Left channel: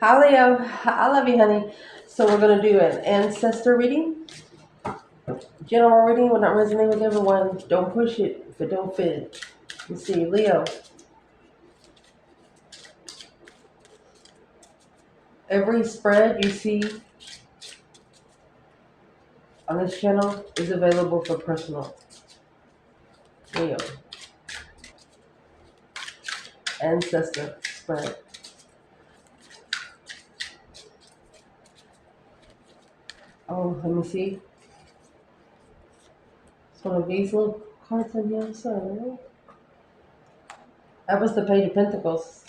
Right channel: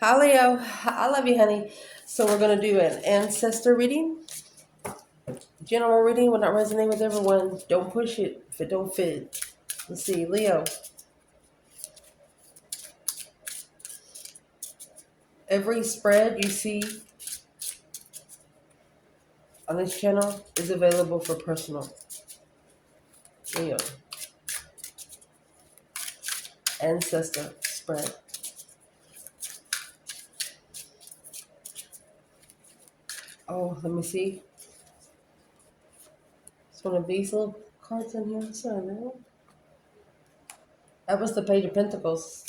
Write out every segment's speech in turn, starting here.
Hi, Leo. I love you, honey. So we're going to do an ancestor reading, general reading. Will not resonate with everyone. Don't push it if it don't fit. Let's see, Leo. Every spread you see on this channel is available for personal. Leo. Ancestor spread. Oh, let me see. It's one of these little cards on here. Sorry. That was the Page of Pentacles.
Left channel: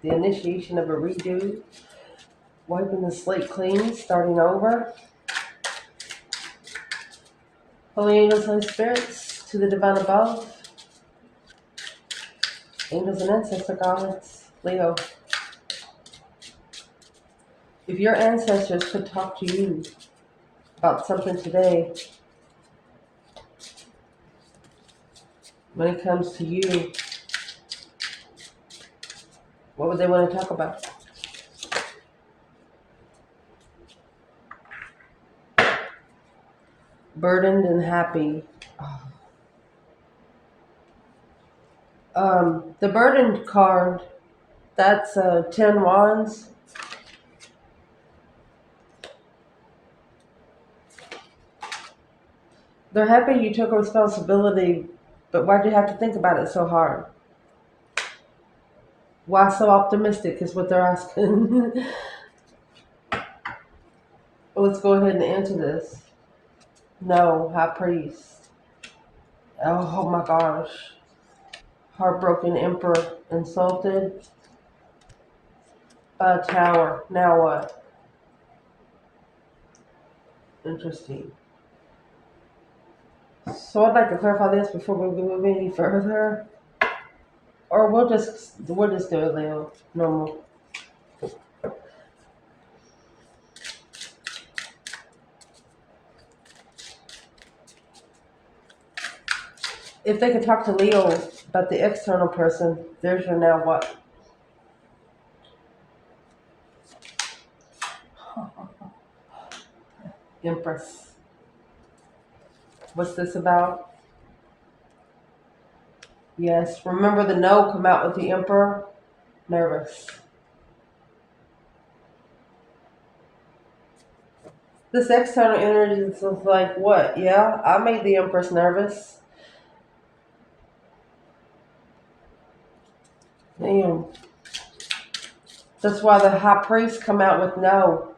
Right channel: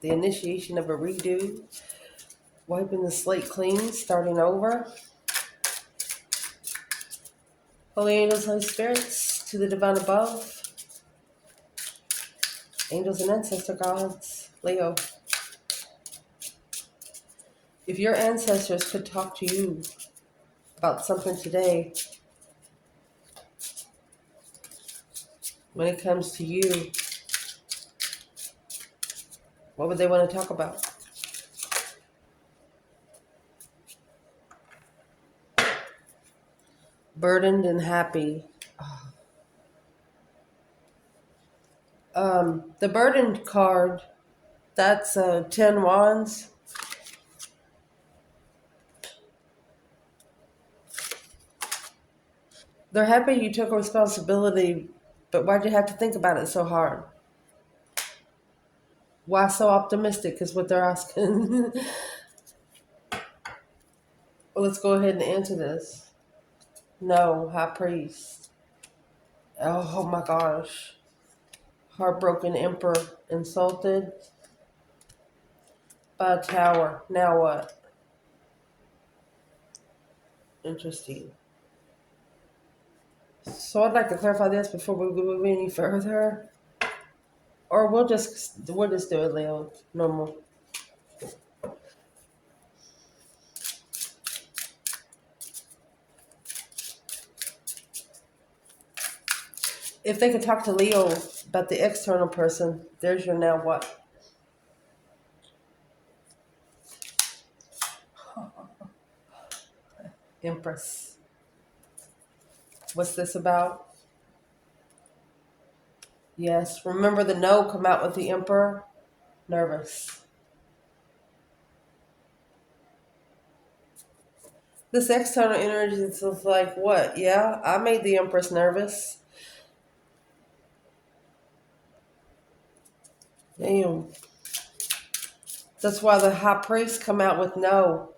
The initiation of a redo. Wiping the slate clean. Starting over. Holy angels, Holy spirits, to the divine above. Angels and ancestor gods. Leo. If your ancestors could talk to you about something today, when it comes to you, what would they want to talk about? Burdened and happy. The burdened card, that's 10 wands. They're happy you took responsibility, but why'd you have to think about it so hard? Why so optimistic is what they're asking. Well, let's go ahead and answer this. No, high priest. Oh my gosh. Heartbroken emperor, insulted by a tower. Now what? Interesting. So I'd like to clarify this before we move any further. Or we'll just do it, Leo. Normal. If they could talk to Leo about the external person, there's your now what? Empress. What's this about? Yes. Remember the no come out with the emperor? Nervous. This external energy is like what? Yeah, I made the empress nervous. Damn. That's why the high priest come out with no.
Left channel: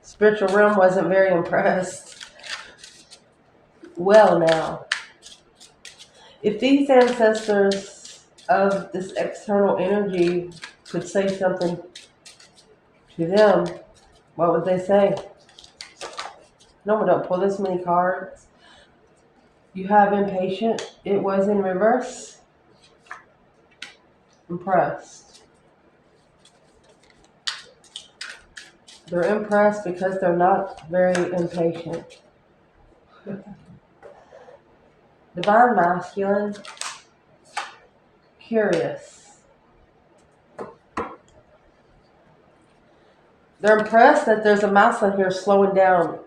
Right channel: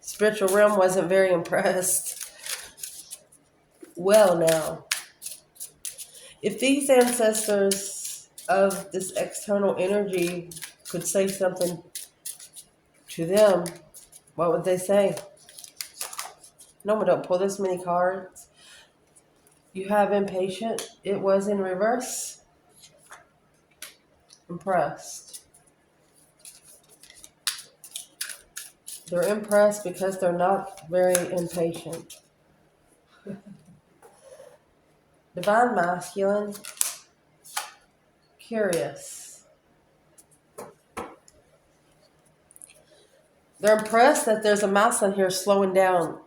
Spiritual realm wasn't very impressed. Well, now, if these ancestors of this external energy could say something to them, what would they say? No, we don't pull this many cards. You have impatient. It was in reverse. Impressed. They're impressed because they're not very impatient. Divine masculine. Curious. They're impressed that there's a mouse on here slowing down,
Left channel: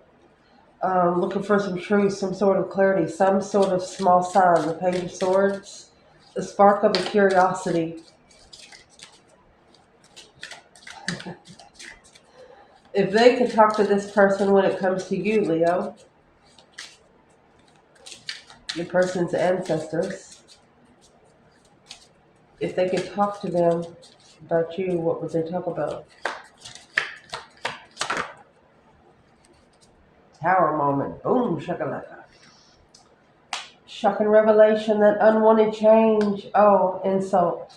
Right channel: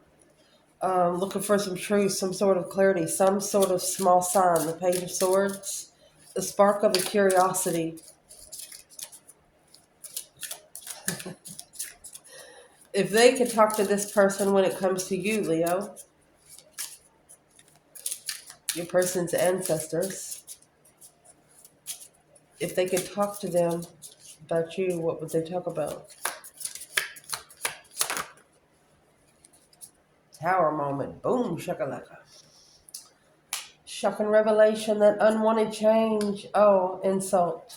looking for some truth, some sort of clarity, some sort of small sign. The Page of Swords, the spark of a curiosity. If they can talk to this person when it comes to you, Leo, your person's ancestors, if they could talk to them about you, what would they talk about? Tower moment. Boom, shakalaka. Shocking revelation, that unwanted change. Oh, insult.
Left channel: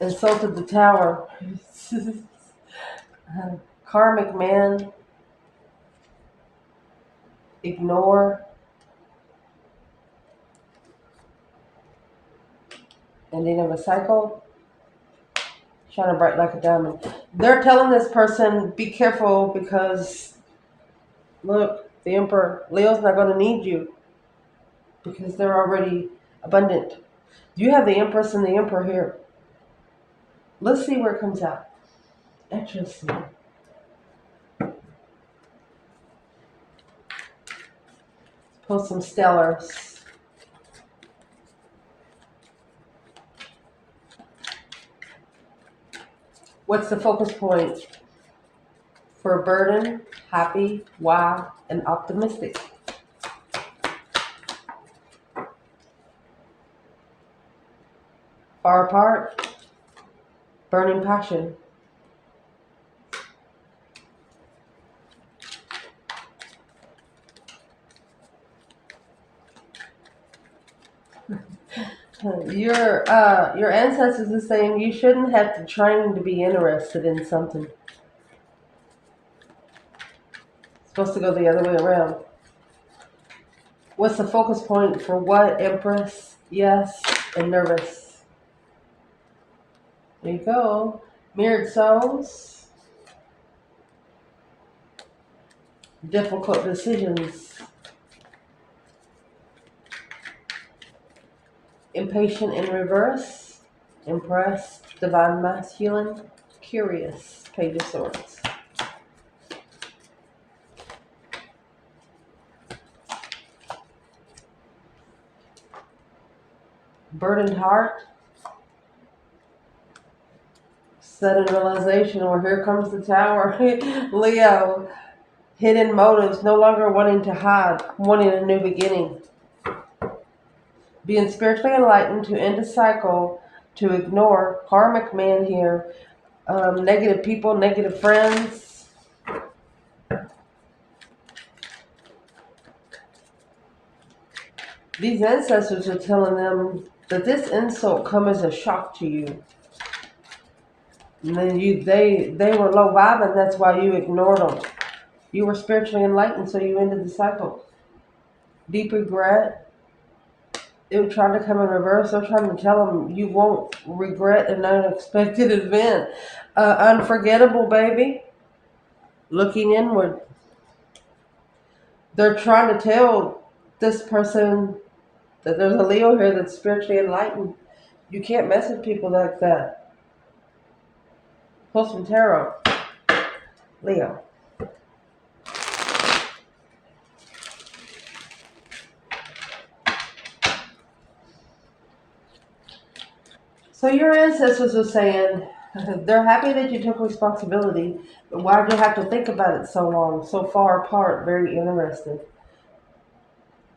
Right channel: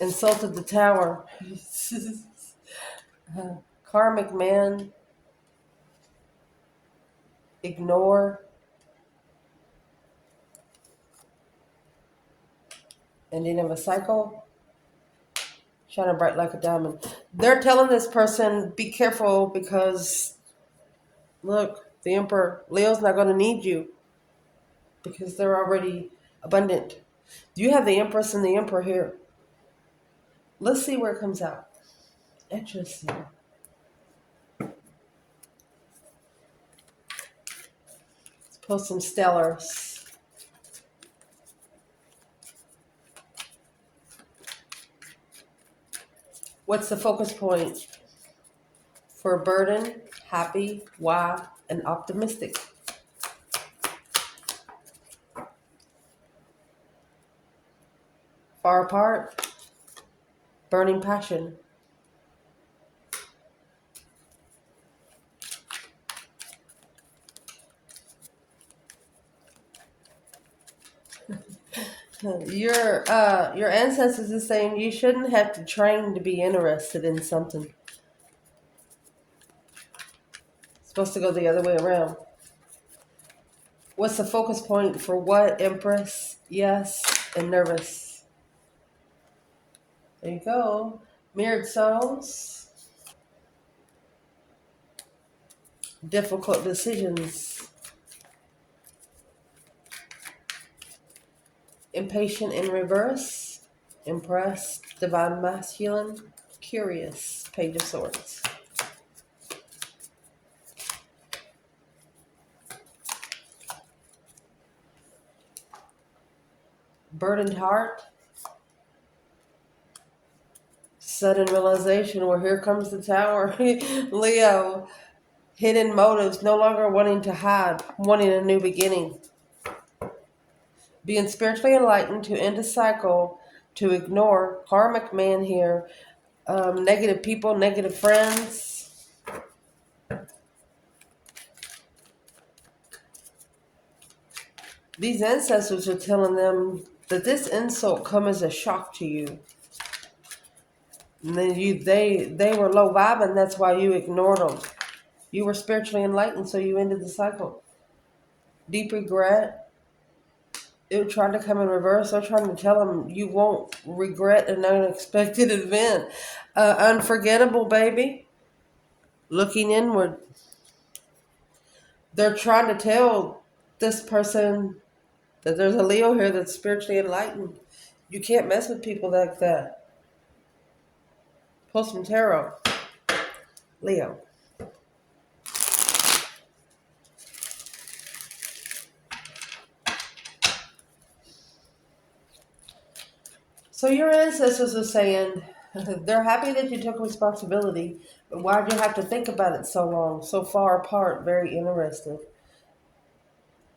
Insulted the tower. Karmic man. Ignore. Ending of a cycle. Shining bright like a diamond. They're telling this person, be careful because, look, the emperor, Leo's not going to need you because they're already abundant. You have the empress and the emperor here. Let's see where it comes out. Interesting. Let's pull some stellars. What's the focus point for burden, happy, wow, and optimistic? Far apart, burning passion. Your ancestors are saying you shouldn't have to train to be interested in something. It's supposed to go the other way around. What's the focus point for what, Empress? Yes, and nervous. There you go. Mirrored souls. Difficult decisions. Impatient in reverse. Impressed. Divine masculine. Curious. Page of Swords. Burdened heart. Sudden realization, well, here comes the tower. Leo. Hidden motives, no longer wanting to hide, wanting a new beginning. Being spiritually enlightened to end a cycle, to ignore. Karmic man here. Negative people, negative friends. These ancestors are telling them that this insult come as a shock to you. And then they were low vibing, that's why you ignored them. You were spiritually enlightened, so you ended the cycle. Deep regret. It would try to come in reverse. They're trying to tell them you won't regret an unexpected event. Unforgettable, baby. Looking inward. They're trying to tell this person that there's a Leo here that's spiritually enlightened. You can't mess with people like that. Pull some tarot. Leo. So your ancestors are saying they're happy that you took responsibility, but why'd you have to think about it so long, so far apart, very interested?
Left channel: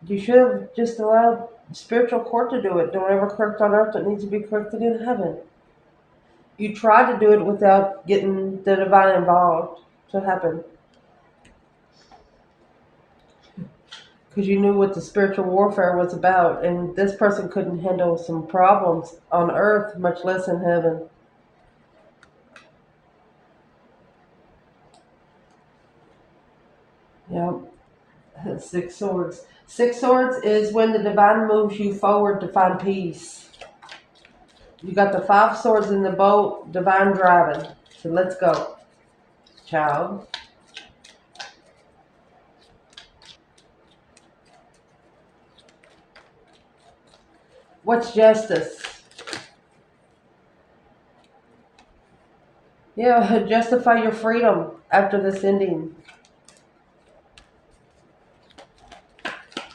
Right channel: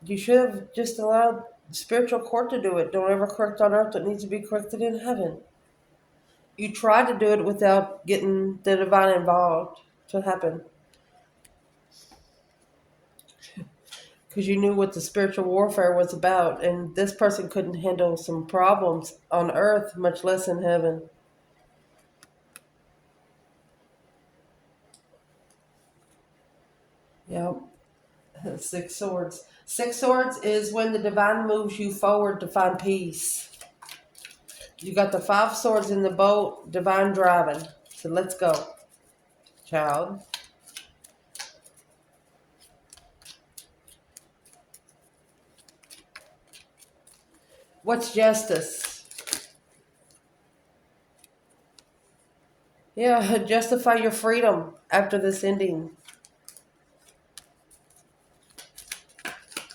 You should have just allowed spiritual court to do it. Don't ever correct on earth what needs to be corrected in heaven. You tried to do it without getting the divine involved to happen. Because you knew what the spiritual warfare was about, and this person couldn't handle some problems on earth, much less in heaven. Yep. 6 swords. 6 swords is when the divine moves you forward to find peace. You got the 5 swords in the boat, divine driving. So let's go, child. What's justice? Yeah, justify your freedom after this ending.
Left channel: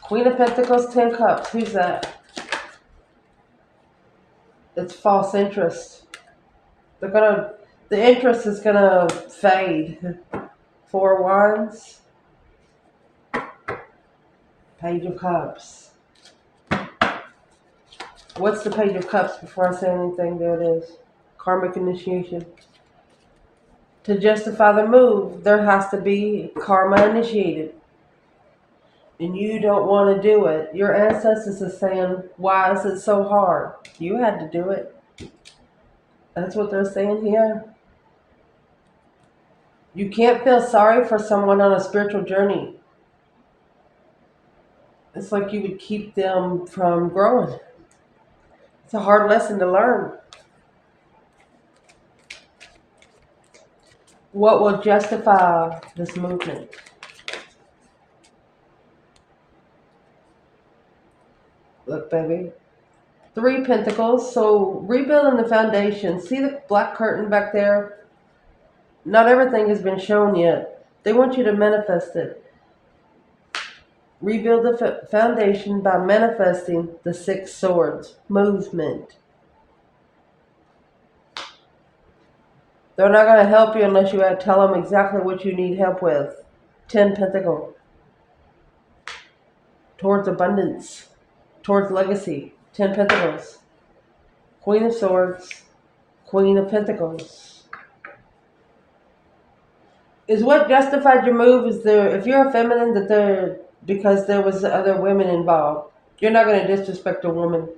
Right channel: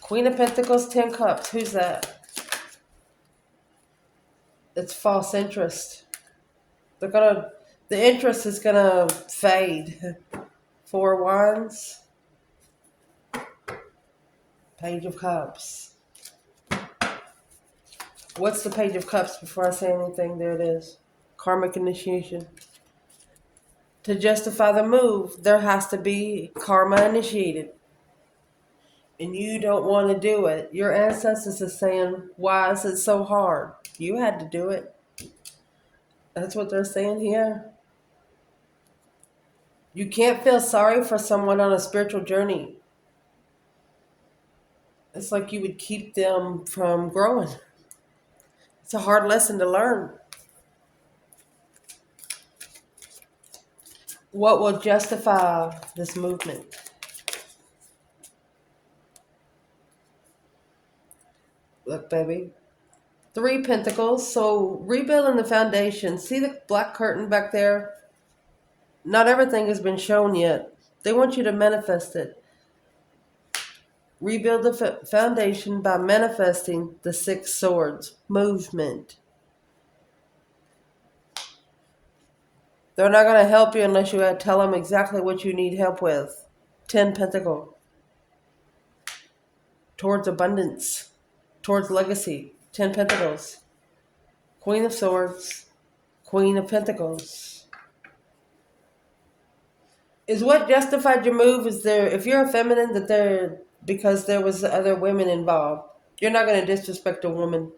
Queen of Pentacles, 10 Cups. Who's that? It's false interest. The interest is gonna fade. 4 Wands. Page of Cups. What's the Page of Cups before I say anything? There it is. Karmic initiation. To justify the move, there has to be karma initiated. And you don't want to do it. Your ancestors are saying, why is it so hard? You had to do it. That's what they're saying here. You can't feel sorry for someone on a spiritual journey. It's like you would keep them from growing. It's a hard lesson to learn. What will justify this movement? Look, baby, Three Pentacles. So rebuilding the foundation. See the black curtain back there? Not everything has been shown yet. They want you to manifest it. Rebuild the foundation by manifesting the Six Swords. Movement. They're not going to help you unless you tell them exactly what you need help with. 10 Pentacles. Towards abundance. Towards legacy. 10 Pentacles. Queen of Swords. Queen of Pentacles. Is what justified your move? Is there, if you're a feminine, that there, because there was other women involved. You're not going to disrespect a woman.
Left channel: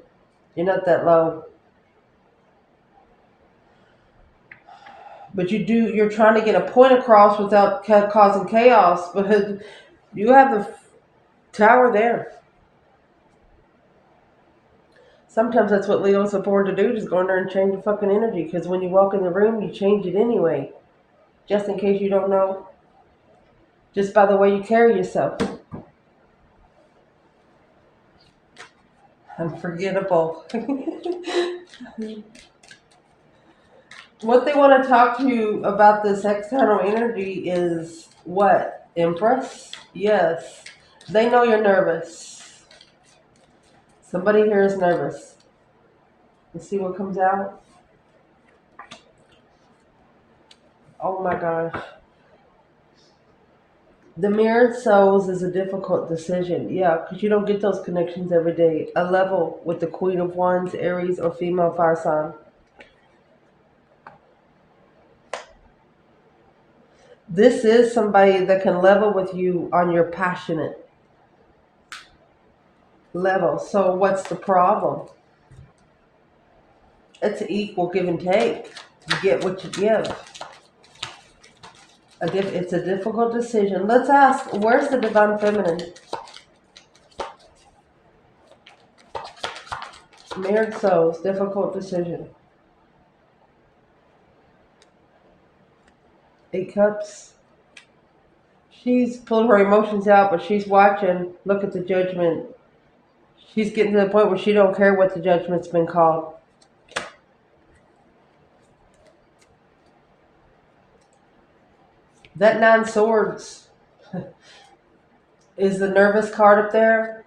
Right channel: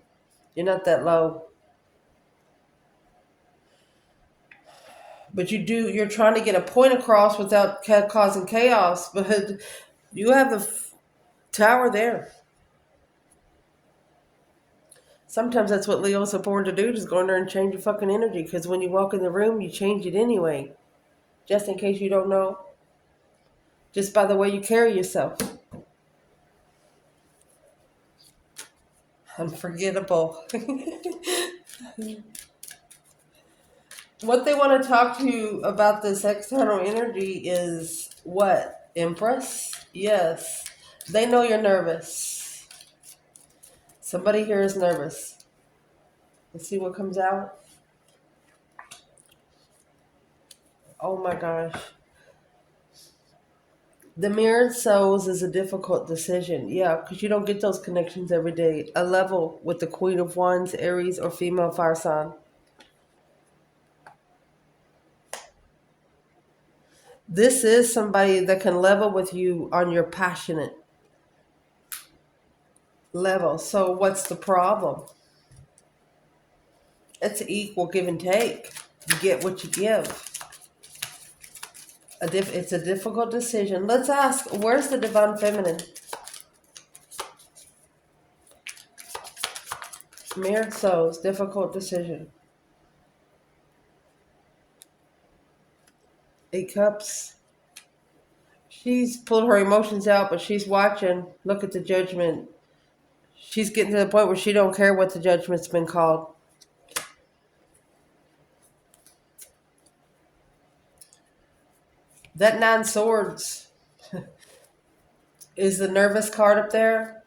You're not that low. But you're trying to get a point across without causing chaos. But you have the tower there. Sometimes that's what Leos are born to do, just go in there and change your fucking energy. Because when you walk in the room, you change it anyway. Just in case you don't know. Just by the way you carry yourself. Unforgettable. What they want to talk to you about this external energy is what? Empress? Yes. They know you're nervous. Somebody here is nervous. Let's see what comes out. Oh my gosh. The mirrored souls is a difficult decision. Yeah, because you don't get those connections every day. A level with the Queen of Wands, Aries, or female fire sign. This is somebody that can level with you on your passionate level. So what's the problem? It's an equal give and take. You get what you give. It's a difficult decision. Let's ask, where's the divine feminine? Mirrored souls, difficult decision. 8 cups. She's pulled her emotions out, but she's watching. Look at the judgment. She's getting to the point where she don't care what the judgment's been called. That 9 swords is the nervous card up there.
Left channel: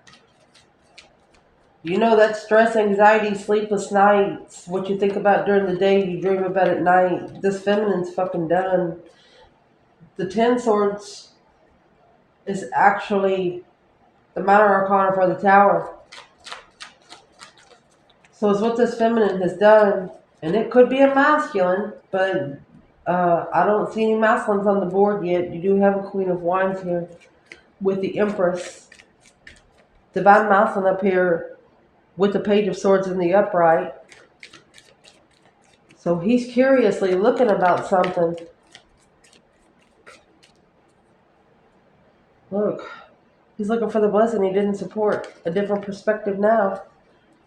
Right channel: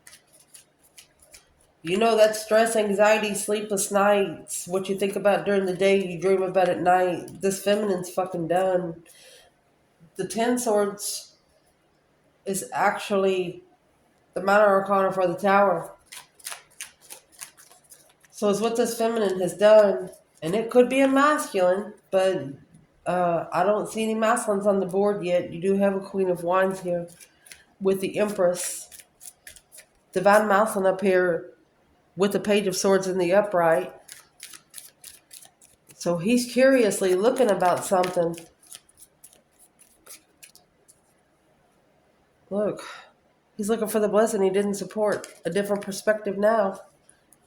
You know that stress, anxiety, sleepless nights, what you think about during the day, you dream about at night. This feminine's fucking done. The 10 swords is actually the minor arcana for the tower. So it's what this feminine has done. And it could be a masculine, but I don't see any masculines on the board yet. You do have a Queen of Wands here with the Empress. Divine masculine up here with the Page of Swords in the upright. So he's curiously looking about something. Look, he's looking for the blessing he didn't support. A different perspective now.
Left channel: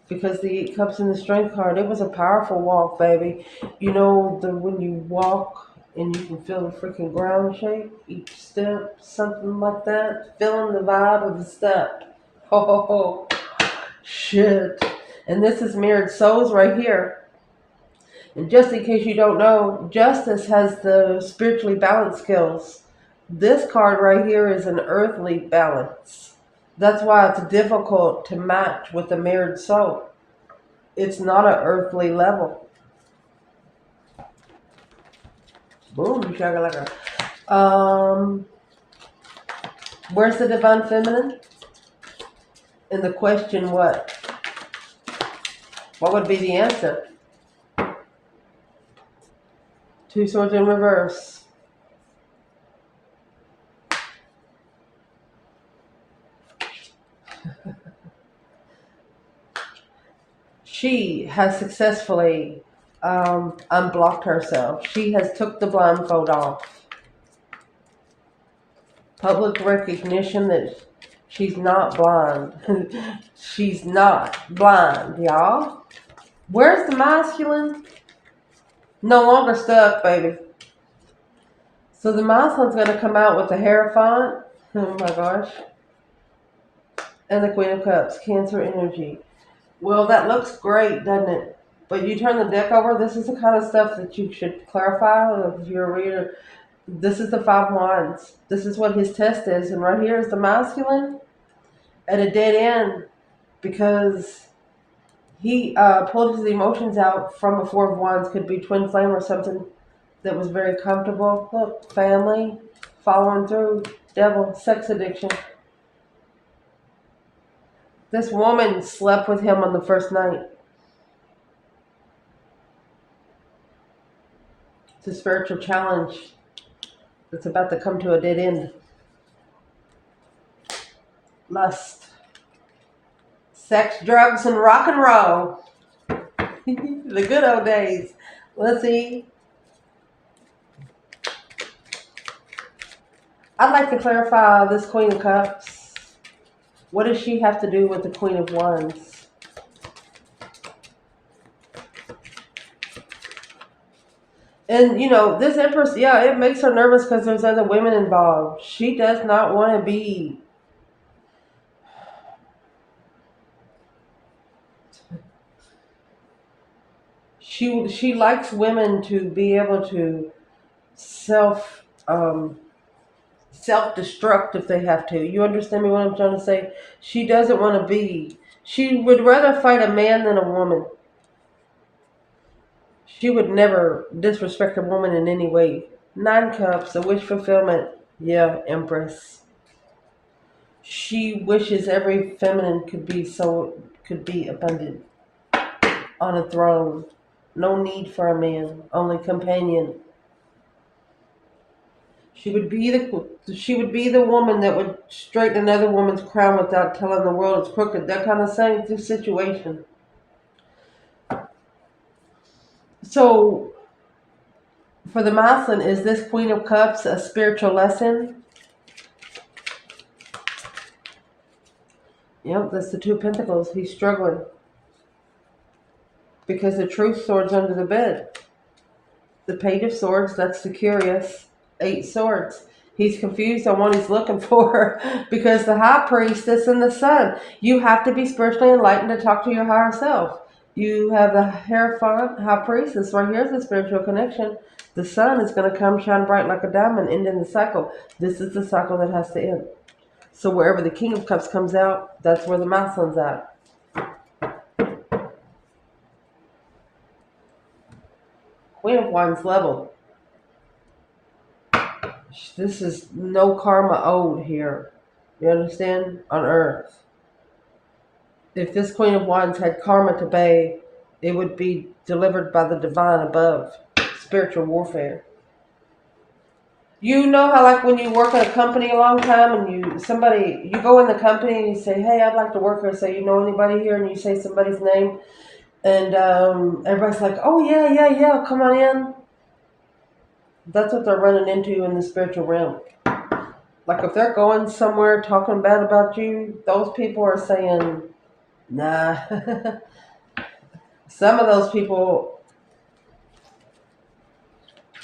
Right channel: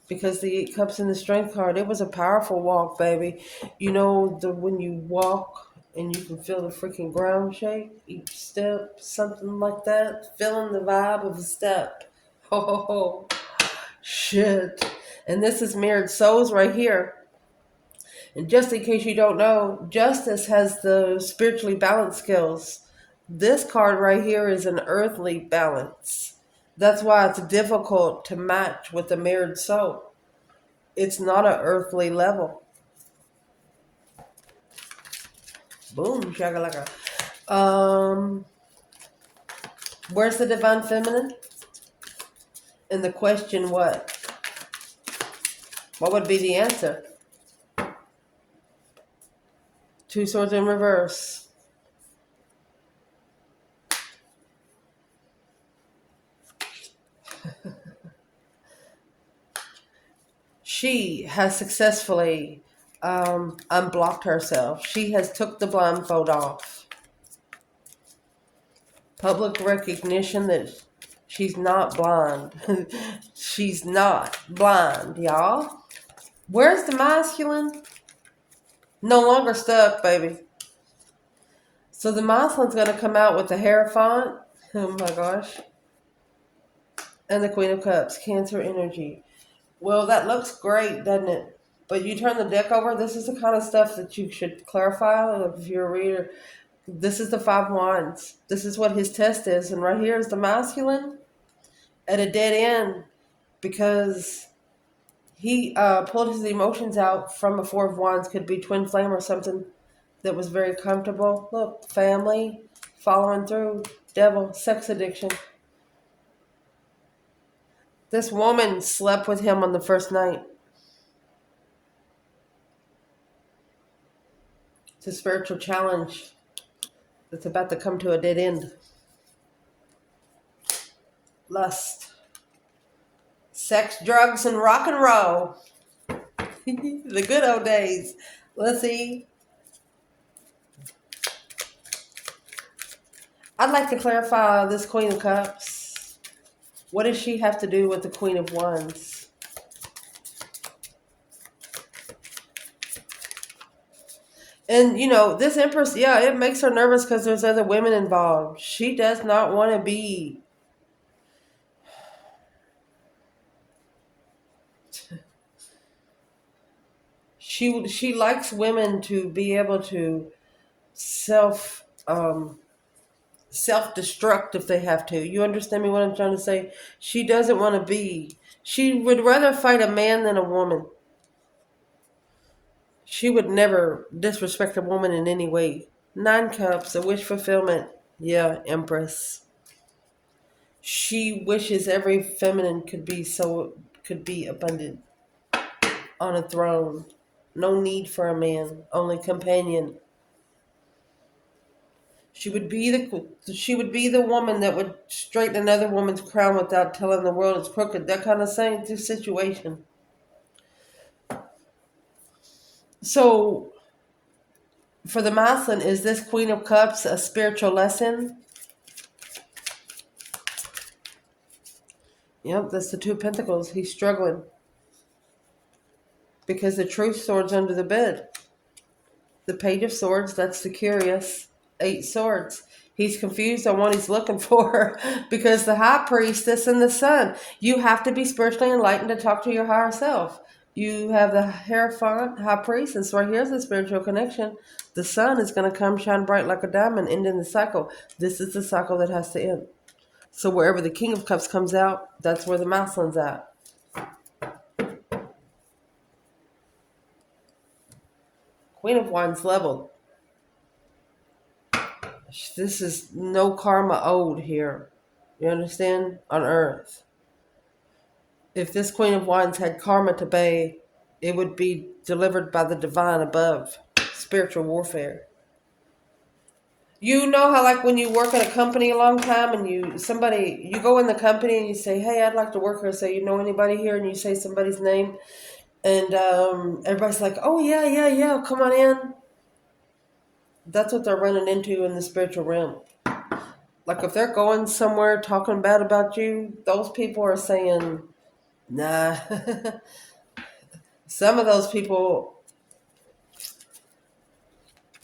Because the 8 cups in the strength card, it was a powerful walk, baby. You know, when you walk and you can feel the freaking ground shake, each step, something like that. Feeling the vibe of the step. Oh, shit. And this is mirrored souls right here. And just in case you don't know, Justice has the spiritually balanced skills. This card right here is an earthly balance. That's why it's difficult to match with the mirrored soul. It's not an earthly level. Boom, shakalaka. Where's the divine feminine? And the question, what? What would be the answer? 2 swords in reverse. She has successfully unblocked herself. She has took the blindfold off. Public recognition that she's not blind. She's not blind, y'all. Where's the masculine? No longer stuck, baby. So the masculine's going to come out with the Hierophant. Oh my gosh. And the Queen of Cups, Cancer energy. Well, that looks great, doesn't it? But you turn the deck over, this is the kind of stuff that you should clarify if you're a reader. This is the five wands. This is what his test is. And right here is the masculine at a dead end because he pulled his emotions out from a four of wands. Could be twin flame or something that was very comfortable. Look, family, following through, devil, sex addiction. This woman slept with him on the first night. It's a spiritual challenge that's about to come to a dead end. Lust, sex, drugs, and rock and roll. The good old days. Let's see. I'd like to clarify this Queen of Cups. What does she have to do with the Queen of Wands? And, this Empress, yeah, it makes her nervous because there's other women involved. She does not want to be... She likes women to be able to self-destruct if they have to. You understand me what I'm trying to say? She doesn't want to be... She would rather fight a man than a woman. She would never disrespect a woman in any way. Nine Cups, a wish fulfillment. Yeah, Empress. She wishes every feminine could be abundant on a throne. No need for a man, only companion. She would be the woman that would straighten another woman's crown without telling the world it's crooked. That kind of situation. So, for the masculine, is this Queen of Cups a spiritual lesson? Yep, that's the Two of Pentacles. He's struggling because the Truth sword's under the bed. The Page of Swords, that's the curious. Eight Swords. He's confused on what he's looking for because the High Priestess and the Sun. You have to be spiritually enlightened to talk to your higher self. You have the Hierophant, High Priestess. Right here's the spiritual connection. The Sun is going to come shine bright like a diamond, ending the cycle. This is the cycle that has to end. So wherever the King of Cups comes out, that's where the masculine's at. Queen of Wands leveled. This is no karma owed here. You understand? On Earth. If this Queen of Wands had karma to pay, it would be delivered by the divine above. Spiritual warfare. You know how, like, when you work at a company a long time and you go in the company and you say, hey, I'd like to work here. Say, you know anybody here? And you say somebody's name. And everybody's like, oh, yeah, come on in. That's what they're running into in the spiritual realm. Like, if they're going somewhere talking bad about you, those people are saying, nah. Some of those people,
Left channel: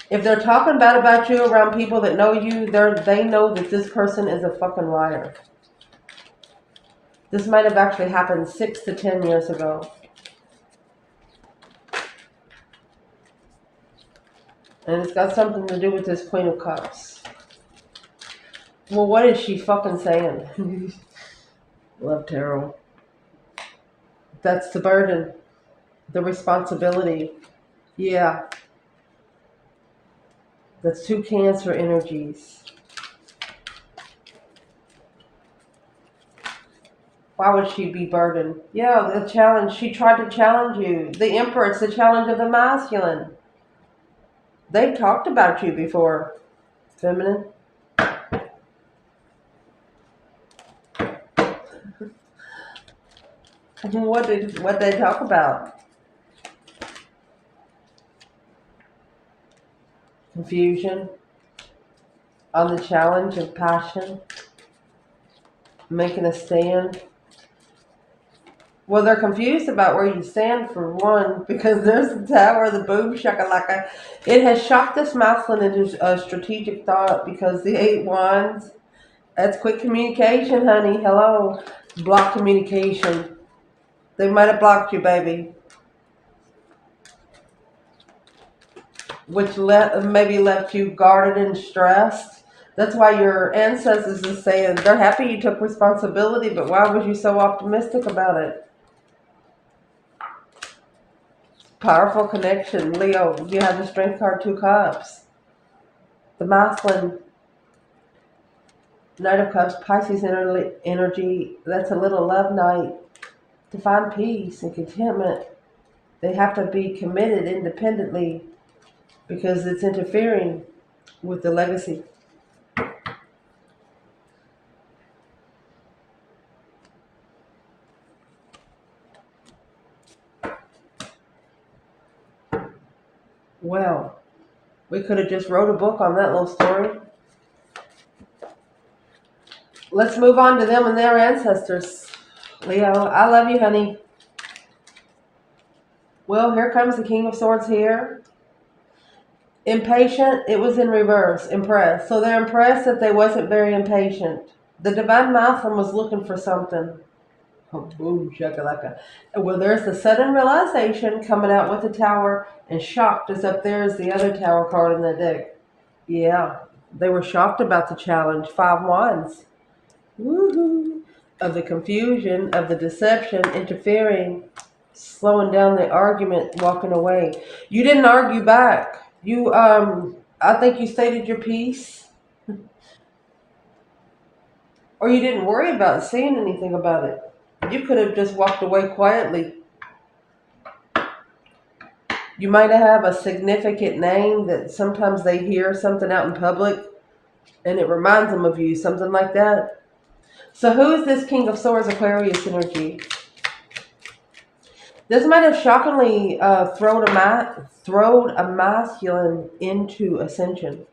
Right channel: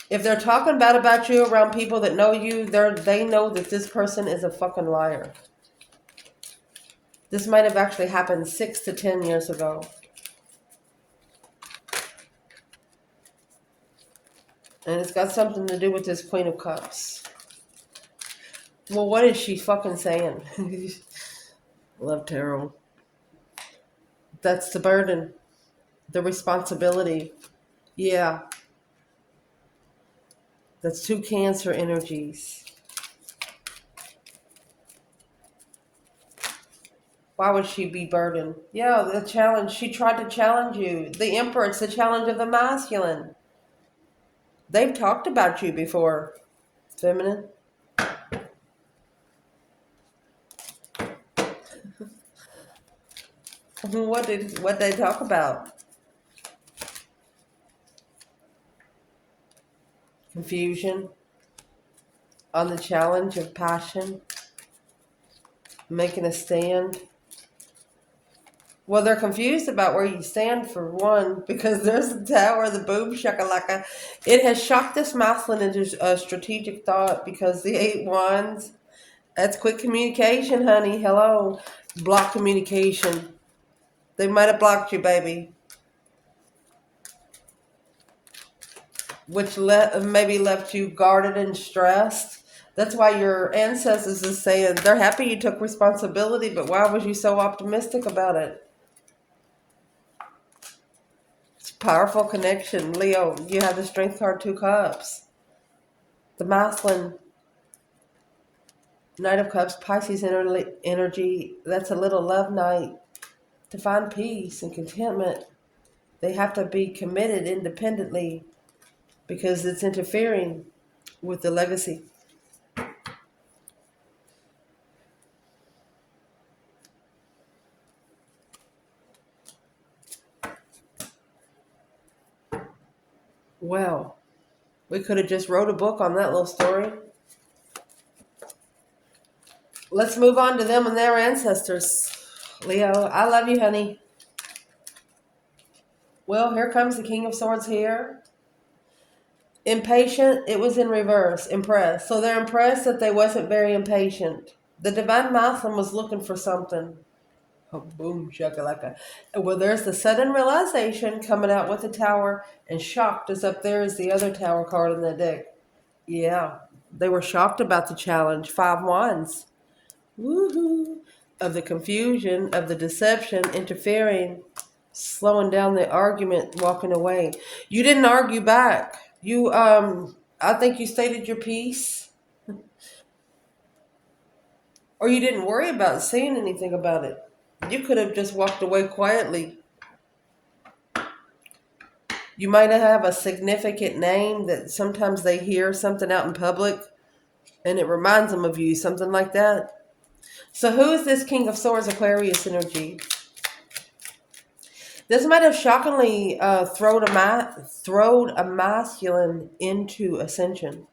if they're talking bad about you around people that know you, they know that this person is a fucking liar. This might have actually happened 6 to 10 years ago. And it's got something to do with this Queen of Cups. Well, what is she fucking saying? Love tarot. That's the burden. The responsibility. Yeah. That's two Cancer energies. Why would she be burdened? Yeah, the challenge. She tried to challenge you. The Emperor, it's the challenge of the masculine. They've talked about you before, feminine. What they talk about? Confusion. On the challenge of passion. Making a stand. Well, they're confused about where you stand, for one, because there's the Tower, the boom shakalaka. It has shocked this masculine into a strategic thought because the Eight Wands, that's quick communication, honey. Hello. Block communication. They might have blocked you, baby. Which maybe left you guarded and stressed. That's why your ancestors is saying they're happy you took responsibility, but why was you so optimistic about it? It's a powerful connection. Leo, you have the Strength card, 2 cups. The masculine, Knight of Cups, Pisces energy. That's a little love night. To find peace and contentment, they have to be committed independently because it's interfering with the legacy. Well, we could have just wrote a book on that little story. Let's move on to them and their ancestors. Leo, I love you, honey. Well, here comes the King of Swords here. Impatient, it was in reverse. Impressed. So they're impressed that they wasn't very impatient. The Divine Masculine was looking for something. Oh, boom, shakalaka. Well, there's the sudden realization coming out with the Tower, and shocked is up there as the other Tower card in the deck. Yeah, they were shocked about the challenge. 5 wands. Woohoo! Of the confusion, of the deception, interfering, slowing down the argument, walking away. You didn't argue back. You, I think you stated your piece. Or you didn't worry about saying anything about it. You could have just walked away quietly. You might have a significant name that sometimes they hear something out in public and it reminds them of you, something like that. So who is this King of Swords Aquarius energy? This might have shockingly thrown a masculine into ascension.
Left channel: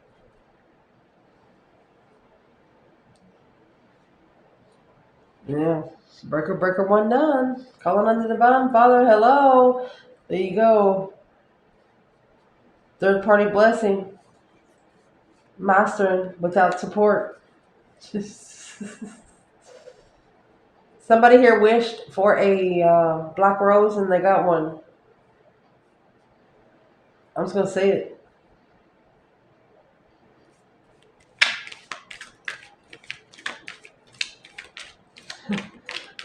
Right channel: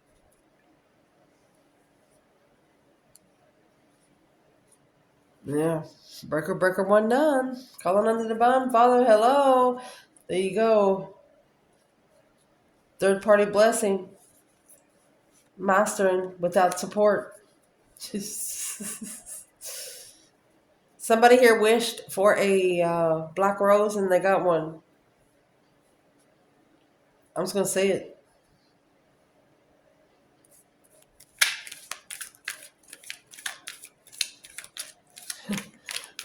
Yeah. Breaker 1 done. Calling on the Divine Father. Hello. There you go. Third party blessing. Mastering without support. Somebody here wished for a black rose and they got one. I'm just going to say it.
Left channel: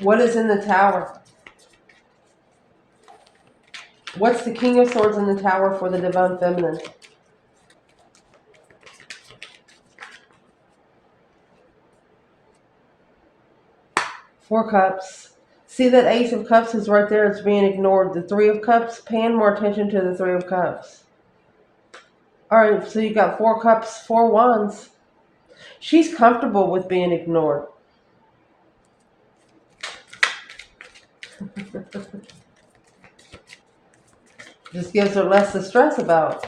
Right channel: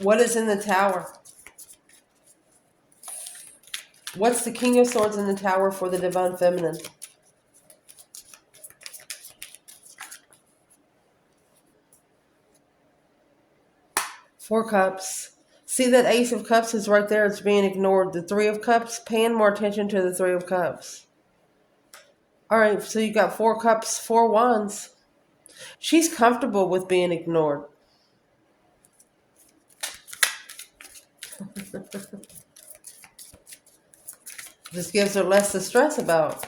What is in the Tower? What's the King of Swords in the Tower for the Divine Feminine? Four Cups. See that Ace of Cups is right there. It's being ignored. The Three of Cups, paying more attention to the Three of Cups. All right, so you got 4 Cups, 4 Wands. She's comfortable with being ignored. Just gives her less to stress about.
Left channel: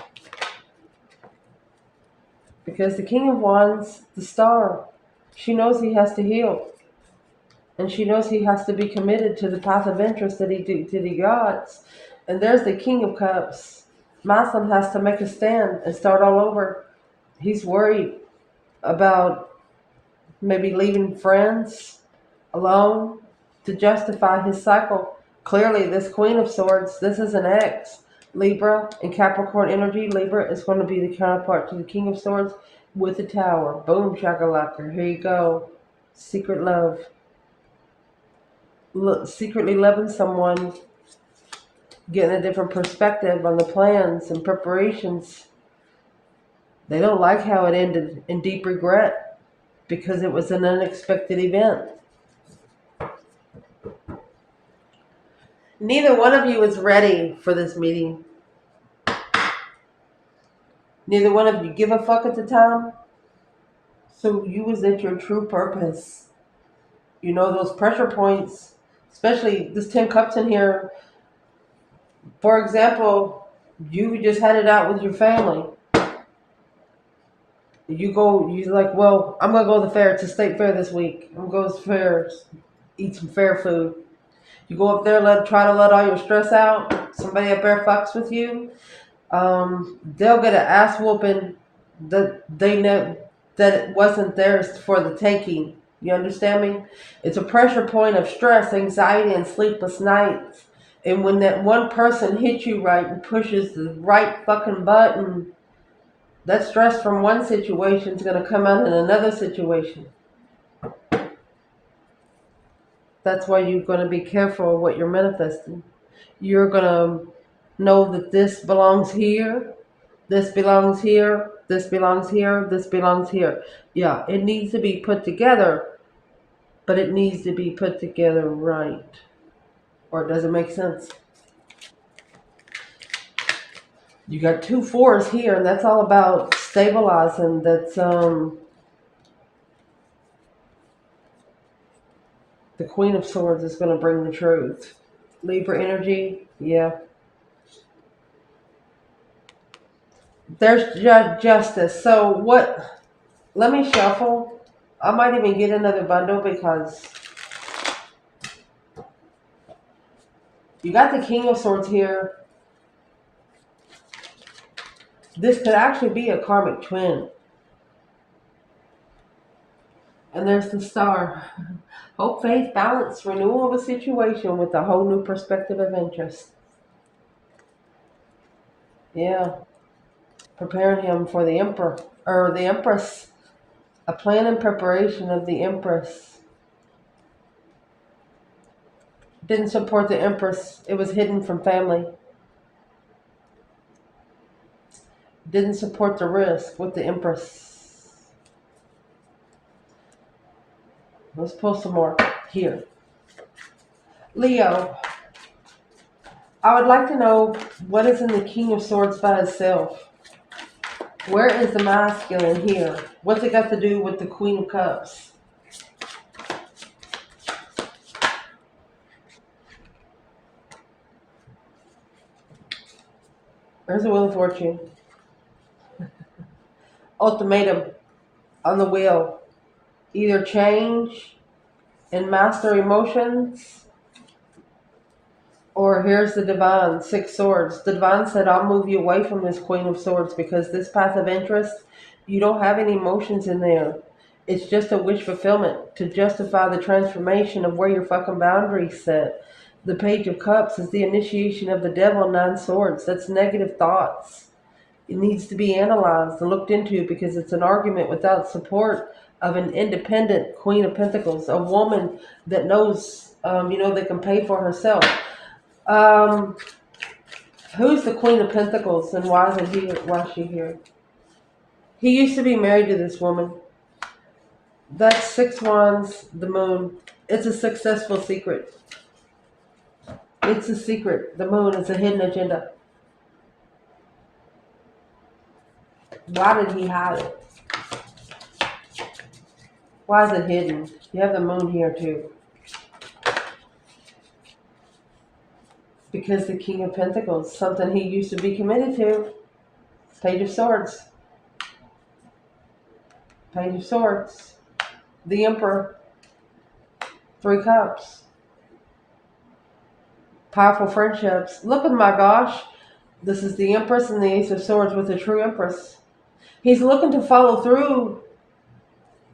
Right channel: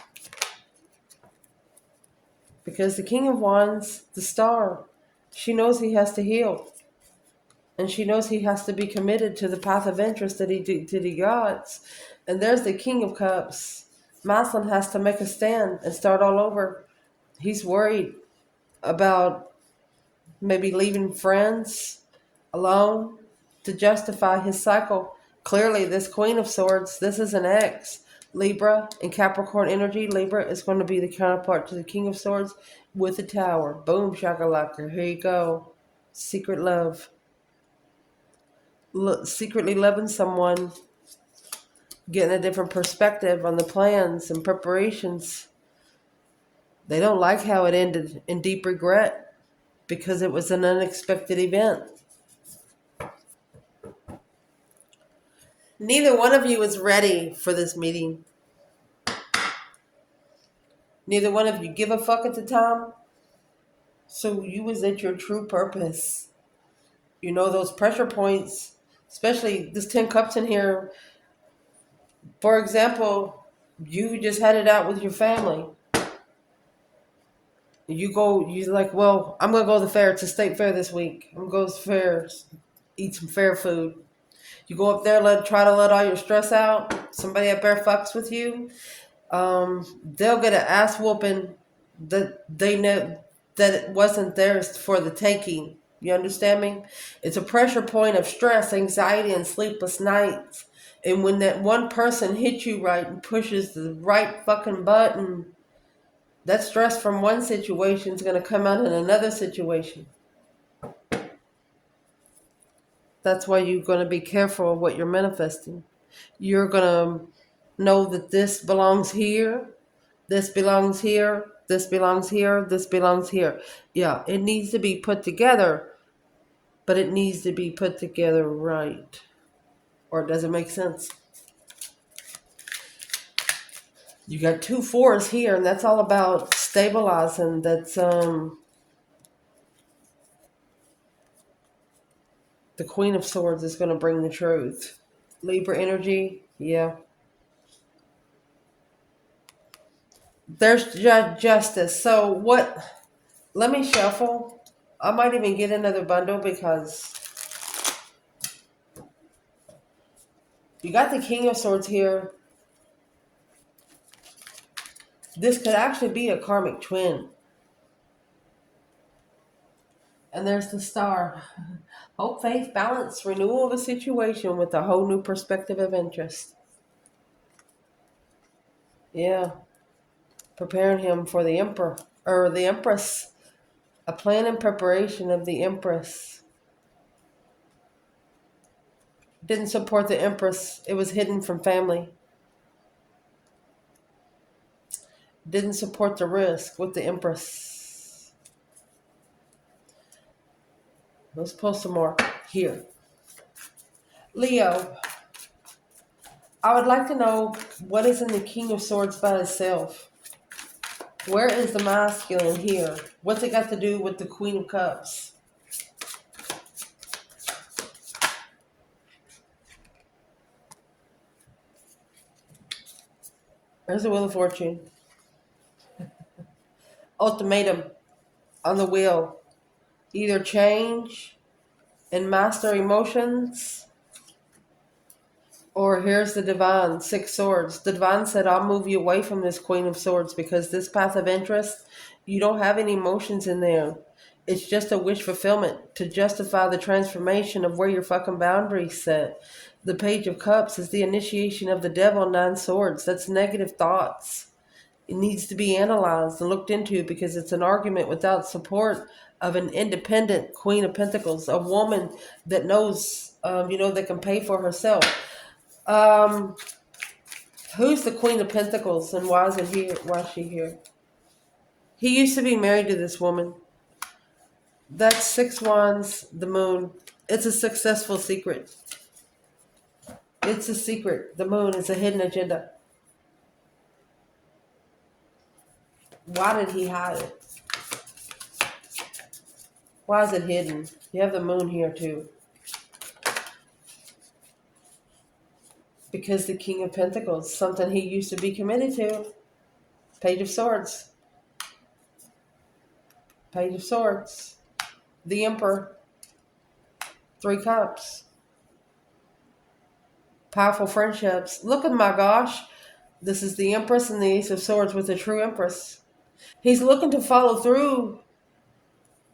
Because the King of Wands, the Star, she knows he has to heal. And she knows he has to be committed to the path of interest that he got. And there's the King of Cups. Masculine has to make a stand and start all over. He's worried about maybe leaving friends alone to justify his cycle. Clearly, this Queen of Swords, this is an ex. Libra and Capricorn energy. Libra is going to be the counterpart to the King of Swords with the Tower. Boom, shakalaka. Here you go. Secret love. Secretly loving someone. Getting a different perspective on the plans and preparations. They don't like how it ended in deep regret because it was an unexpected event. Neither one of you is ready for this meeting. Neither one of you give a fuck at the time. So you was at your true purpose. You know those pressure points, especially this 10 cups in here. For example, you just had it out with your family. You're like, well, I'm going to go to the fair. It's a state fair this week. I'm going to go to the fair, eat some fair food. You go up there, try to let all your stress out. Somebody up there fucks with you. They'll get an ass whooping that they know that it wasn't theirs for the taking. You understand me? It's a pressure point of stress, anxiety, and sleepless nights. And when that one person hits you right and pushes the right fucking button, that stress from one situation is going to come out in another situation. That's why you're going to be careful of what you're manifesting. You're going to know that this belongs here, this belongs here, this belongs here, this belongs here. Yeah, it needs to be put together, but it needs to be put together right. Or does it make sense? You got 2 4s here, and that's all about stabilizing. That's the Queen of Swords is going to bring the truth. Libra energy, yeah. There's justice. So what? Let me shuffle. I might even get another bundle because you got the King of Swords here. This could actually be a karmic twin. And there's the Star. Hope, faith, balance, renewal of a situation with a whole new perspective of interest. Yeah. Preparing him for the Emperor, or the Empress. A plan and preparation of the Empress. Didn't support the Empress. It was hidden from family. Didn't support the risk with the Empress. Let's pull some more here. Leo, I would like to know what is in the King of Swords by itself. Where is the masculine here? What's it got to do with the Queen of Cups? Where's the Wheel of Fortune? Ultimatum on the wheel. Either change and master emotions, or here's the Divine, 6 Swords. The Divine said, I'll move you away from this Queen of Swords because this path of interest, you don't have any emotions in there. It's just a wish fulfillment to justify the transformation of where your fucking boundaries set. The Page of Cups is the initiation of the devil, 9 Swords. That's negative thoughts. It needs to be analyzed and looked into because it's an argument without support of an independent Queen of Pentacles, a woman that knows, that can pay for herself. Who's the Queen of Pentacles and why is it here? Why is she here? He used to be married to this woman. That's 6 Wands, the Moon. It's a successful secret. It's a secret. The Moon is a hidden agenda. Why did he hide it? Why is it hidden? You have the Moon here too. Because the King of Pentacles, something he used to be committed to. Page of Swords. Page of Swords. The Emperor. 3 Cups. Powerful friendships. Look at my gosh. This is the Empress and the Ace of Swords with the true Empress. He's looking to follow through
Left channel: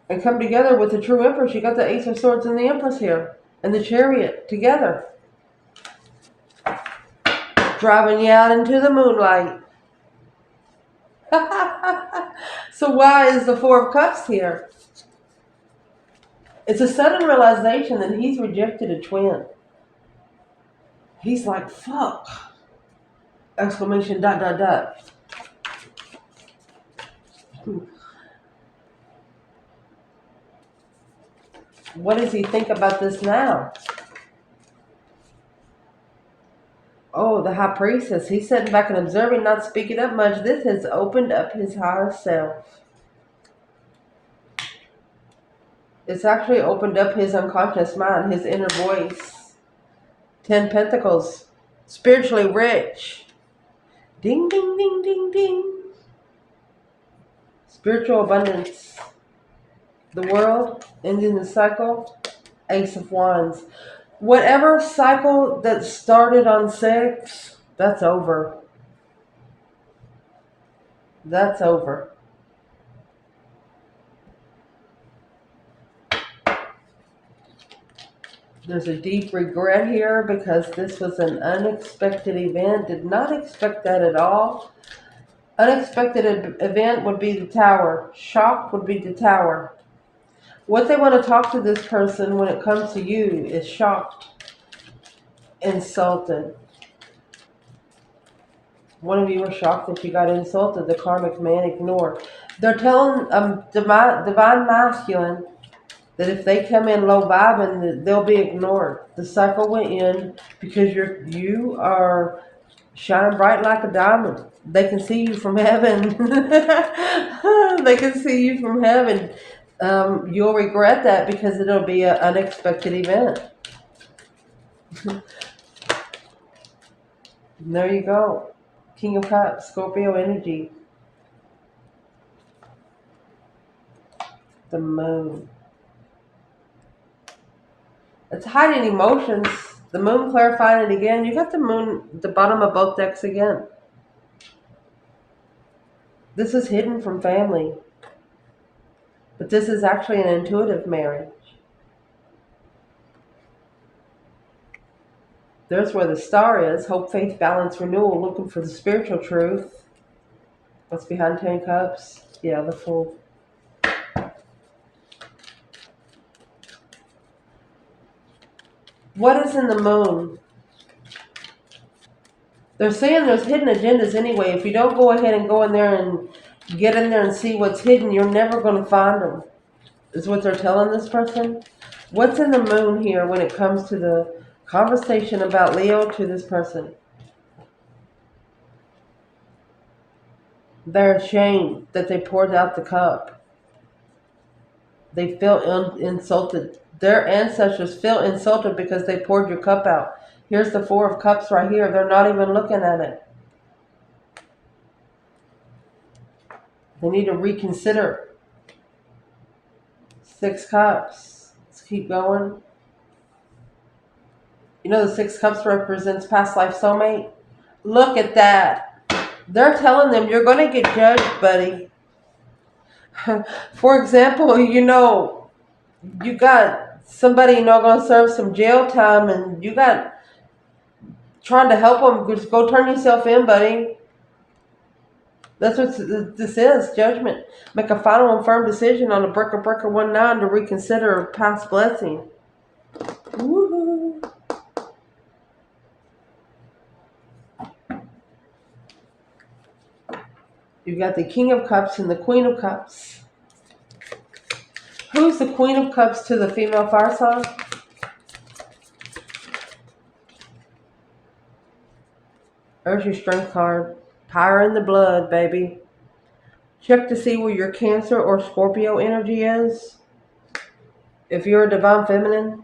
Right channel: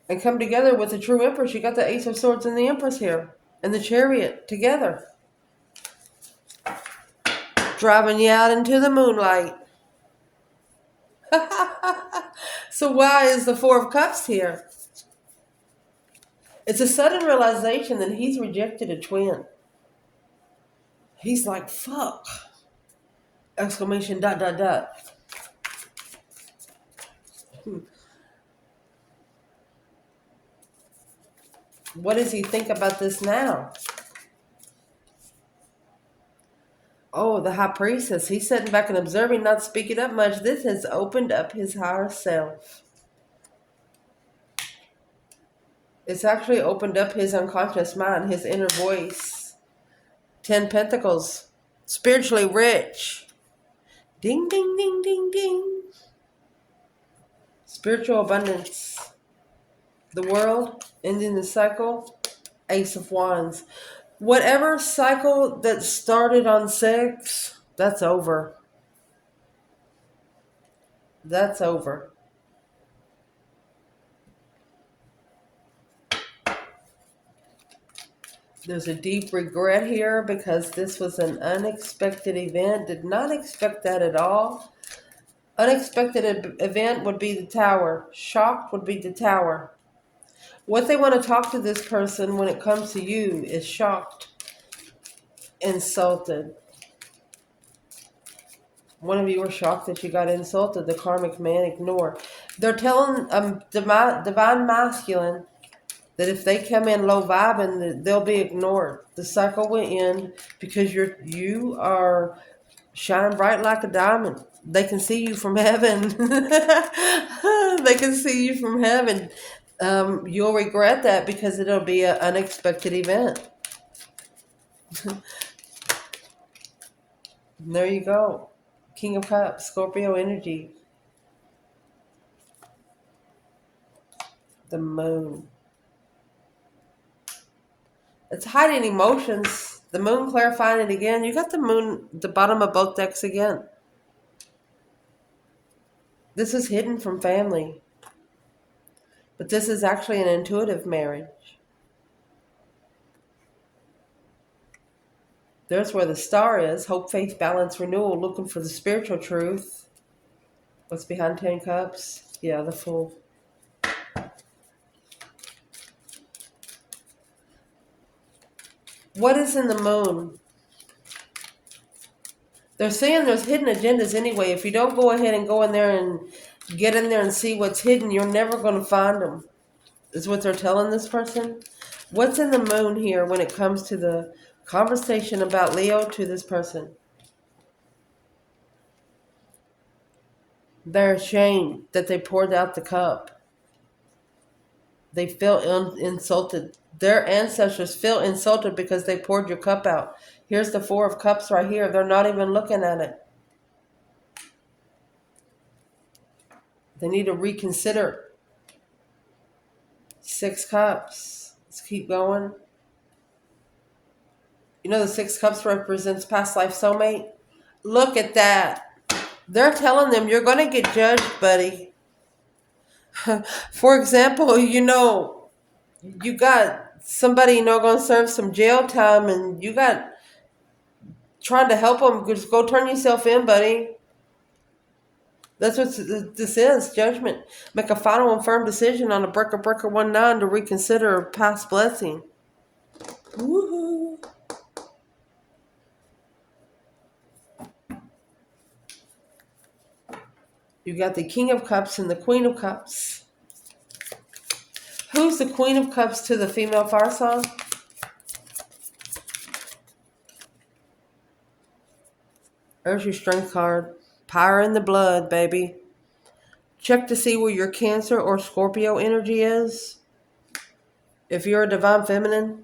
and come together with the true Empress. You got the Ace of Swords and the Empress here. And the Chariot together. Driving you out into the moonlight. So why is the 4 of Cups here? It's a sudden realization that he's rejected a twin. He's like, fuck. Exclamation, ... What does he think about this now? Oh, the High Priestess. He's sitting back and observing, not speaking up much. This has opened up his higher self. It's actually opened up his unconscious mind, his inner voice. 10 Pentacles. Spiritually rich. Ding, ding, ding, ding, ding. Spiritual abundance. The World, ending the cycle. Ace of Wands. Whatever cycle that started on 6, that's over. That's over. There's a deep regret here because this was an unexpected event. Did not expect that at all. Unexpected event would be the tower. Shocked would be the tower. What they want to talk to this person when it comes to you is shocked, insulted. One of you were shocked that you got insulted. The karmic man ignore. They're telling divine masculine that if they come in low vibing, they'll be ignored. The cycle will end because you are shining bright like a diamond. They can see you from heaven. They can see you from heaven. You'll regret that because it'll be an unexpected event. There you go. King of Cups, Scorpio energy. The moon. It's hiding emotions. The moon clarifying it again. You got the moon at the bottom of both decks again. This is hidden from family. But this is actually an intuitive marriage. There's where the star is. Hope, faith, balance, renewal. Looking for the spiritual truth. What's behind 10 Cups? Yeah, the Fool. What is in the moon? They're saying there's hidden agendas anyway. If you don't go ahead and go in there and get in there and see what's hidden, you're never going to find them, is what they're telling this person. What's in the moon here when it comes to the conversation about Leo to this person? They're ashamed that they poured out the cup. They feel insulted. Their ancestors feel insulted because they poured your cup out. Here's the Four of Cups right here. They're not even looking at it. They need to reconsider. 6 Cups. Let's keep going. You know the 6 Cups represents past life soulmate? Look at that. They're telling them you're going to get judged, buddy. For example, you got somebody, going to serve some jail time and you got trying to help them. Just go turn yourself in, buddy. That's what this is, judgment. Make a final and firm decision on a breaker 19 to reconsider past blessing. Woo-hoo. You got the King of Cups and the Queen of Cups. Who's the Queen of Cups to the female fire sign? There's your strength card. Power in the blood, baby. Check to see where your Cancer or Scorpio energy is. If you're a divine feminine,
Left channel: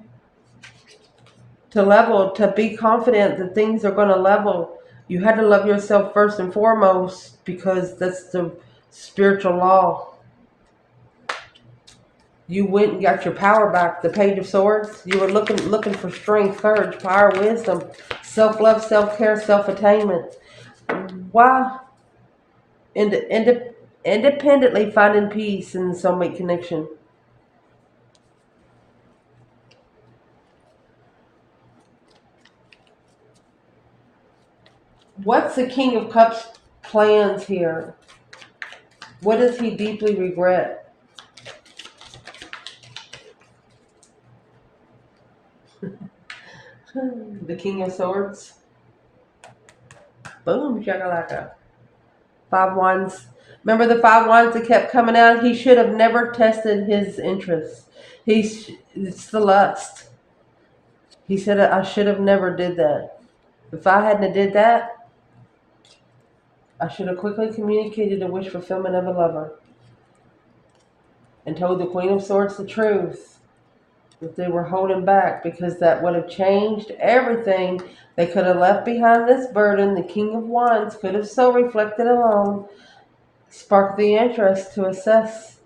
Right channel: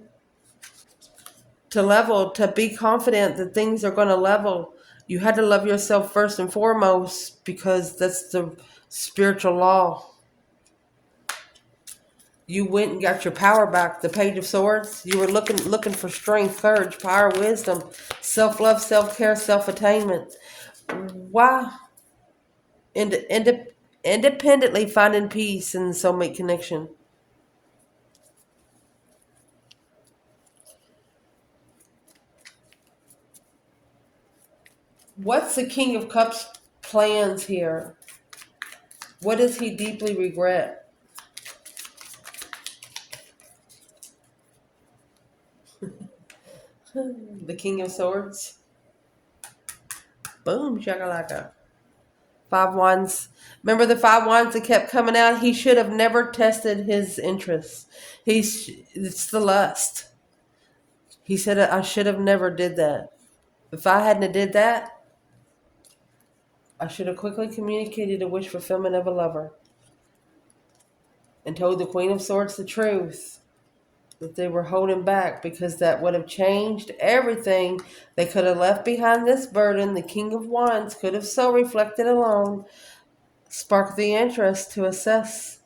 to be confident that things are going to level, you had to love yourself first and foremost because that's the spiritual law. You went and got your power back. The Page of Swords. You were looking for strength, courage, power, wisdom, self-love, self-care, self-attainment. Why? Independently finding peace in the soulmate connection. What's the King of Cups plans here? What does he deeply regret? The King of Swords. Boom, shakalaka. 5 Wands. Remember the 5 Wands that kept coming out? He should have never tested his interests. It's the lust. He said, I should have never did that. If I hadn't did that, I should have quickly communicated a wish fulfillment of a lover and told the Queen of Swords the truth. That they were holding back because that would have changed everything. They could have left behind this burden. The King of Wands could have so reflected alone, sparked the interest to assess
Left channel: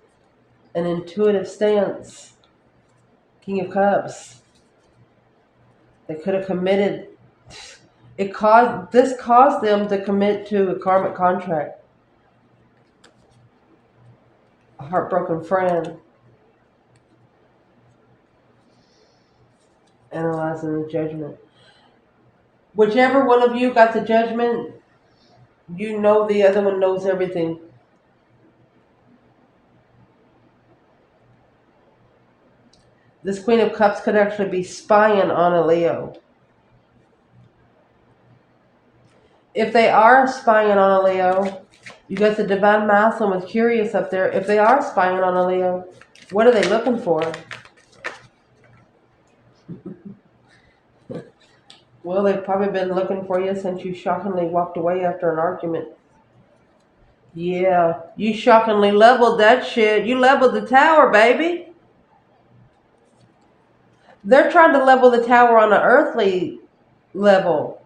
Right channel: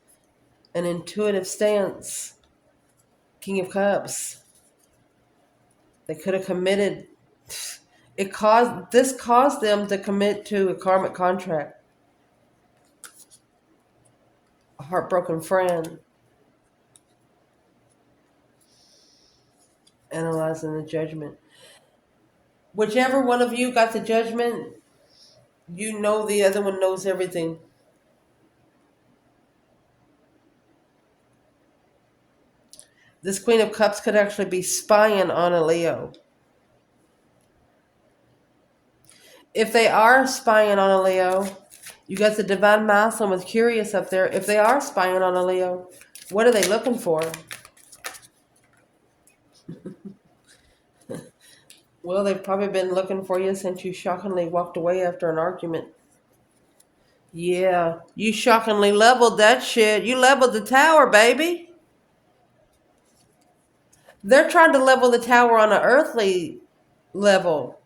an intuitive stance. King of Cups. They could have committed. This caused them to commit to a karmic contract. A heartbroken friend. analyzing the judgment. Whichever one of you got the judgment, you know the other one knows everything. This Queen of Cups could actually be spying on a Leo. If they are spying on a Leo, you got the Divine Masculine with Curious up there. If they are spying on a Leo, what are they looking for? Well, they've probably been looking for you since you shockingly walked away after an argument. Yeah, you shockingly leveled that shit. You leveled the tower, baby. They're trying to level the tower on an earthly level.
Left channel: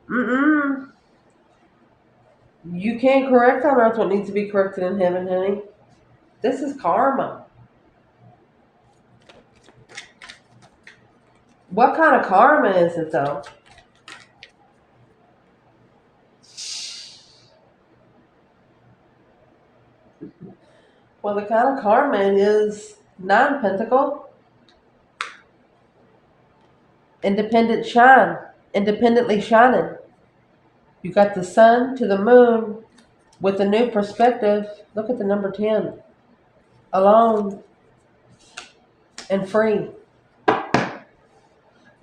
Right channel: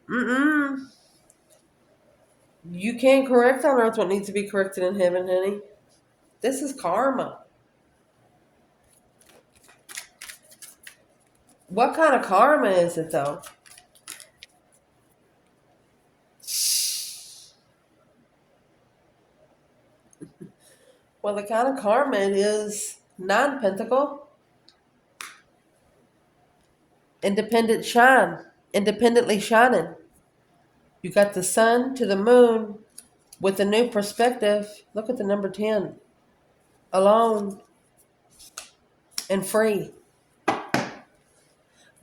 You can't correct on earth what needs to be corrected in heaven, honey. This is karma. What kind of karma is it, though? Well, the kind of karma is non-pentacle, independently shining. You got the sun to the moon with a new perspective. Look at the number 10. Alone and free.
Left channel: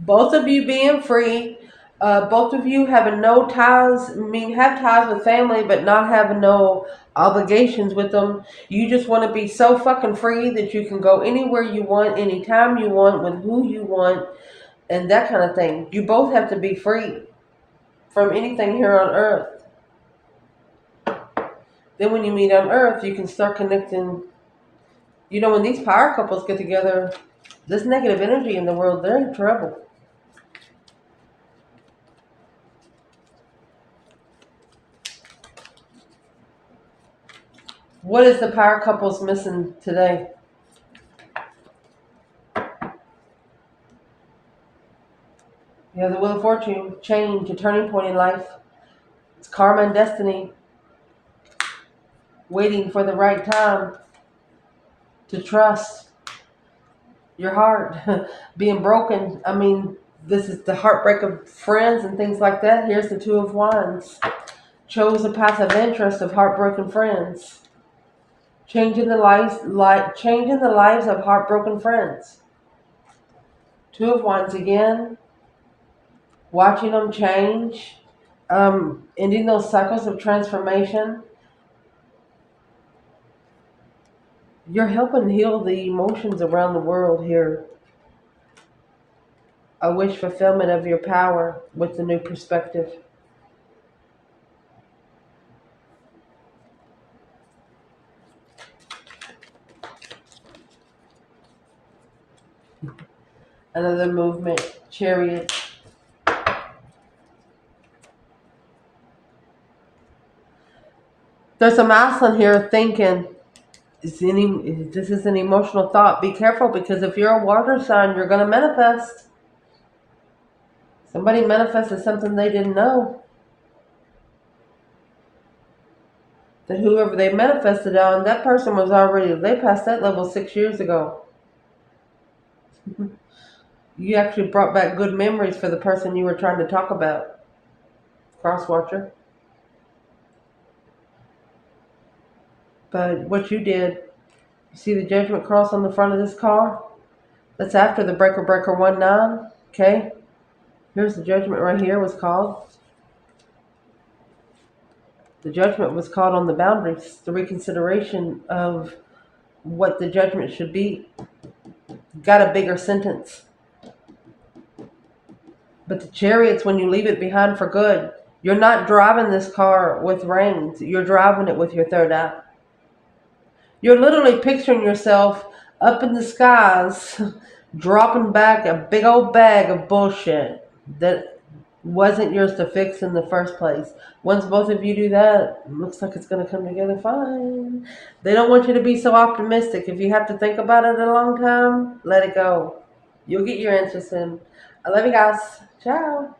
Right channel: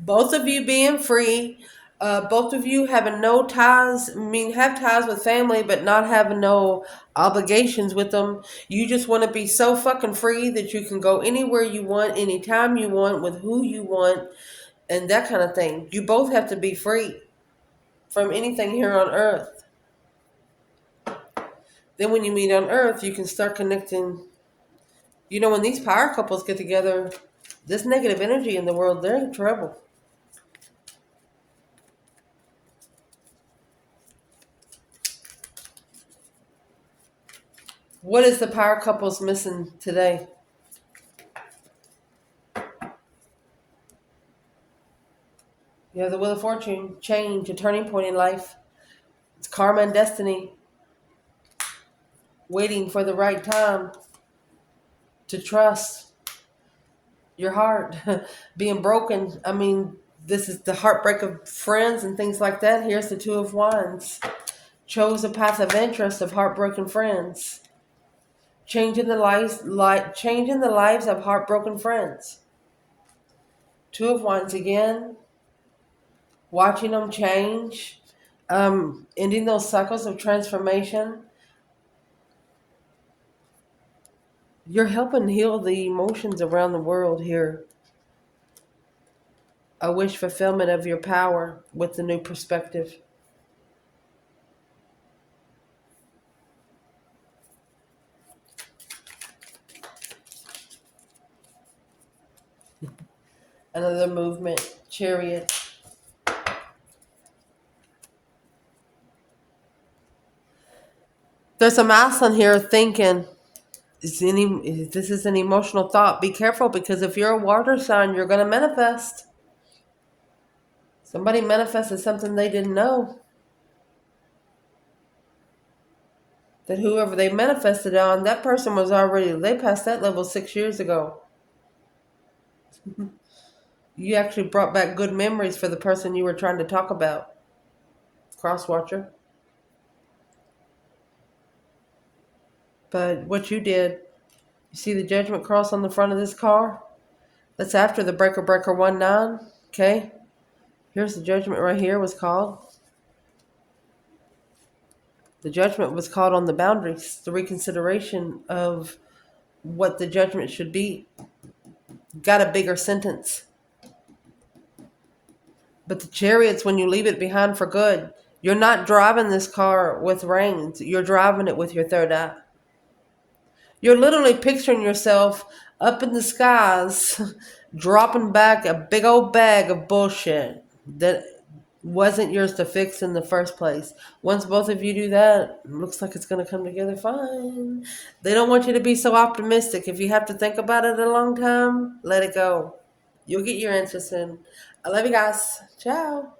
Both of you being free, both of you having no ties, have ties with family, but not having no obligations with them. You just want to be so fucking free that you can go anywhere you want, anytime you want, with who you want, and that kind of thing. You both have to be free from anything here on earth. Then when you meet on earth, you can start connecting. You know, when these power couples get together, this negative energy in the world, they're in trouble. What is the power couples missing today? You have the Wheel of Fortune, change, a turning point in life. It's karma and destiny. Waiting for the right time to trust your heart. Being broken. This is the heartbreak of friends and things like that. Here's the Two of Wands. Chose a path of interest of heartbroken friends. Changing the lives of heartbroken friends. Two of Wands again. Watching them change. Ending those cycles of transformation. You're helping heal the emotions around the world here. A wish fulfillment of your power with the new perspective. Another movement, Chariot. There's a masculine here thinking, this is an emotional thought. Be careful, because if you're a water sign, you're going to manifest. Somebody manifested something they didn't know. That whoever they manifested on, that person was already, they passed that level 6 years ago. You actually brought back good memories for the person you were trying to talk about. Cross-watcher. But what you did, you see the judgment cross on the front of this car? That's after the breaker 19, okay? Here's the judgment right here was called. The judgment was called on the boundaries, the reconsideration of what the judgment should be. Got a bigger sentence. But the Chariot's when you leave it behind for good. You're not driving this car with reins. You're driving it with your third eye. You're literally picturing yourself up in the skies, dropping back a big old bag of bullshit that wasn't yours to fix in the first place. Once both of you do that, it looks like it's going to come together fine. They don't want you to be so optimistic. If you have to think about it a long time, let it go. You'll get your answers soon. I love you guys. Ciao.